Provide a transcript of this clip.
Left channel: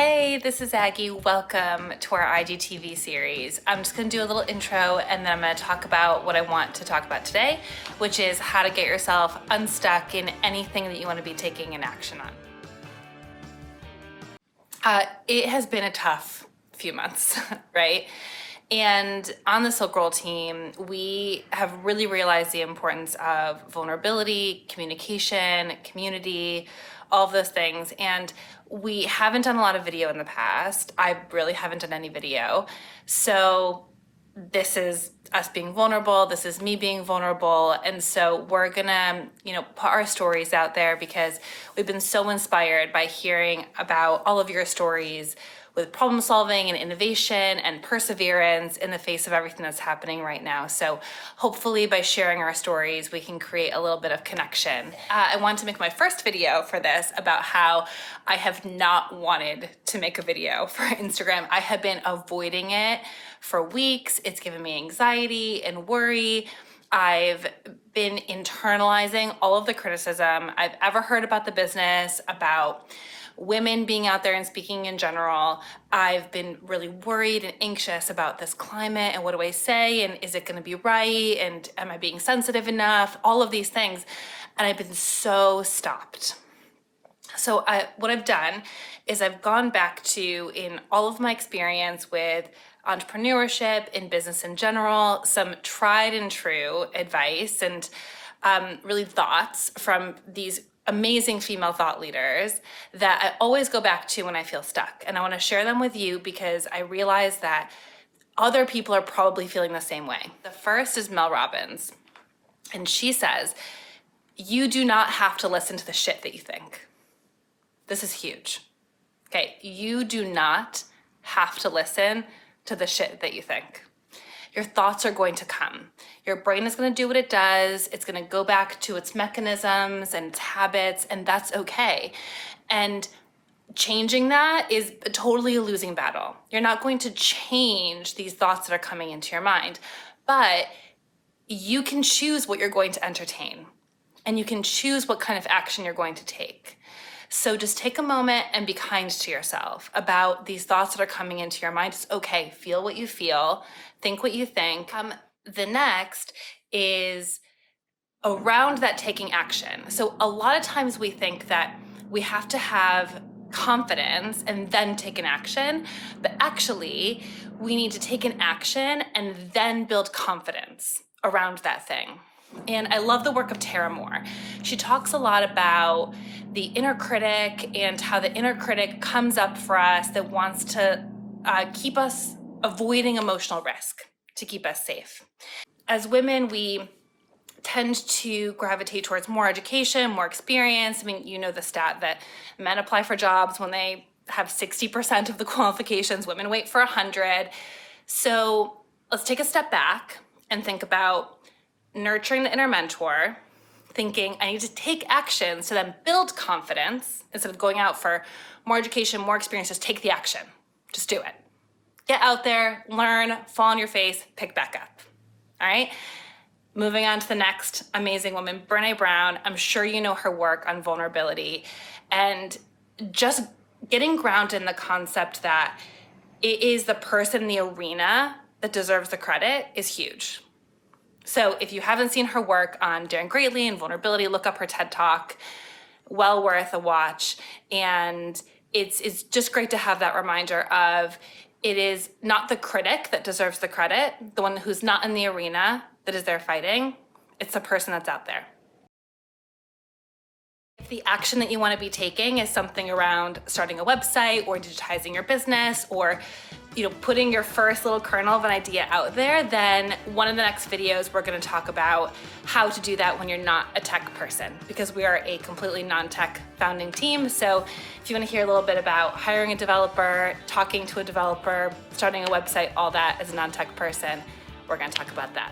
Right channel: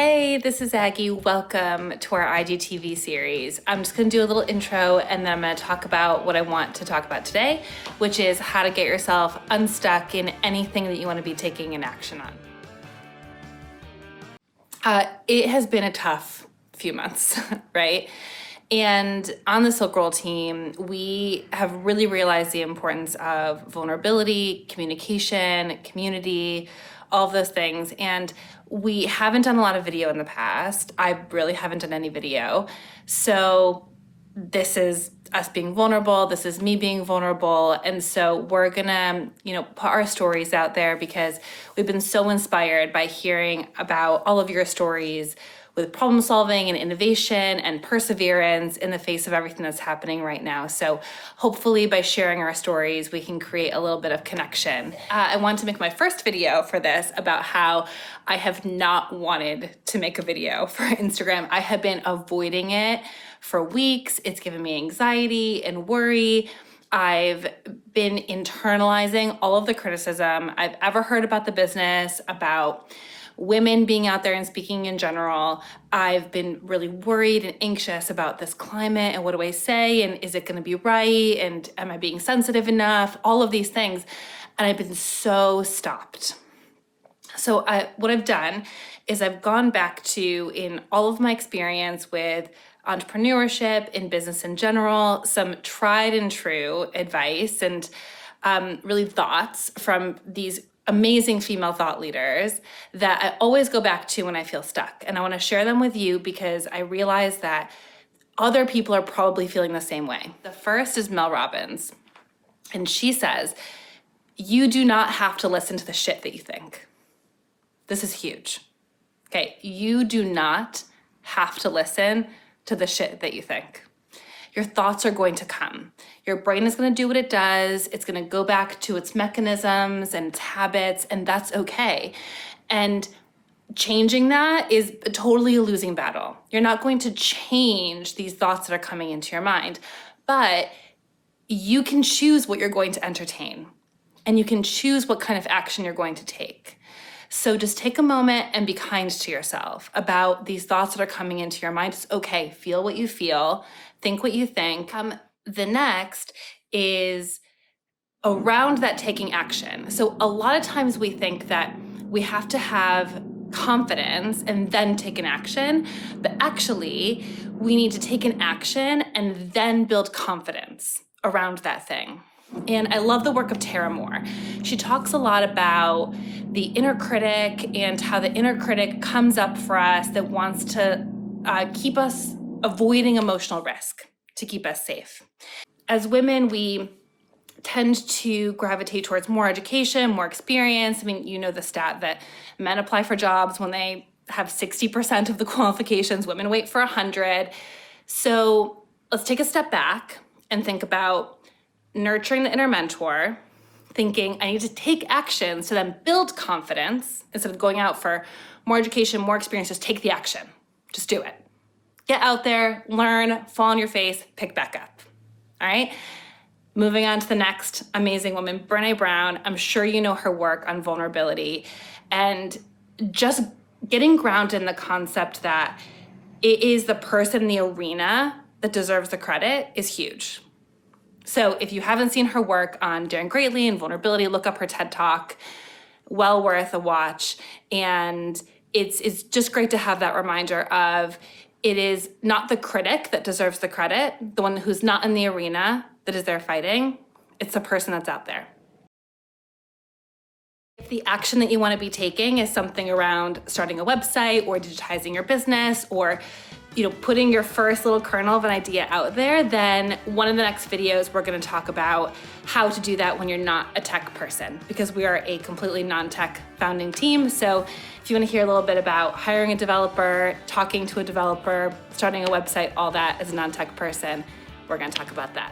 Hey, this is Aggie. Welcome to our IGTV series. I'm just gonna do a little intro and then I'm gonna talk about what I want to talk about today, which is how to get yourself unstuck in anything that you wanna be taking an action on. It has been a tough few months, right? And on the SilkRoll team, we have really realized the importance of vulnerability, communication, community, all of those things. And we haven't done a lot of video in the past. I really haven't done any video. So this is us being vulnerable. This is me being vulnerable. And so we're gonna, put our stories out there because we've been so inspired by hearing about all of your stories with problem solving and innovation and perseverance in the face of everything that's happening right now. So hopefully by sharing our stories, we can create a little bit of connection. I wanted to make my first video for this about how I have not wanted to make a video for Instagram. I have been avoiding it for weeks. It's given me anxiety and worry. I've been internalizing all of the criticism I've ever heard about the business, about women being out there and speaking in general. I've been really worried and anxious about this climate and what do I say and is it going to be right and am I being sensitive enough? All of these things. And I've been so stopped. So what I've done is I've gone back to, in all of my experience with entrepreneurship, in business in general, some tried and true advice and really thoughts from these amazing female thought leaders that I always go back to when I feel stuck. And I want to share them with you because I realize that other people are probably feeling the same way. The first is Mel Robbins. And she says, you do not have to listen to the shit that you think. This is huge. Okay, you do not have to listen to the shit that you think. Your thoughts are going to come. Your brain is going to do what it does. It's going to go back to its mechanisms and its habits, and that's okay. And changing that is totally a losing battle. You're not going to change these thoughts that are coming into your mind, but you can choose what you're going to entertain, and you can choose what kind of action you're going to take. So just take a moment and be kind to yourself about these thoughts that are coming into your mind. It's okay, feel what you feel, think what you think. The next is around that taking action. So a lot of times we think that we have to have confidence and then take an action, but actually we need to take an action and then build confidence around that thing. And I love the work of Tara Moore. She talks a lot about the inner critic and how the inner critic comes up for us that wants to keep us avoiding emotional risk, to keep us safe. As women, we tend to gravitate towards more education, more experience. I mean, you know the stat that men apply for jobs when they have 60% of the qualifications, women wait for 100. So let's take a step back and think about nurturing the inner mentor, thinking I need to take actions to then build confidence instead of going out for more education, more experience. Just take the action. Just do it. Get out there, learn, fall on your face, pick back up. All right? Moving on to the next amazing woman, Brene Brown. I'm sure you know her work on vulnerability and just getting grounded in the concept that it is the person in the arena that deserves the credit is huge. So if you haven't seen her work on daring greatly and vulnerability, look up her TED Talk. Well worth a watch. And it's just great to have that reminder of it is not the critic that deserves the credit, the one who's not in the arena that is there fighting. It's the person that's out there. If the action that you want to be taking is something around starting a website or digitizing your business or putting your first little kernel of an idea out there, then one of the next videos we're going to talk about how to do that when you're not a tech person, because we are a completely non-tech founding team. So if you want to hear a little bit about hiring a developer, talking to a developer, starting a website, all that as a non-tech person, we're going to talk about that.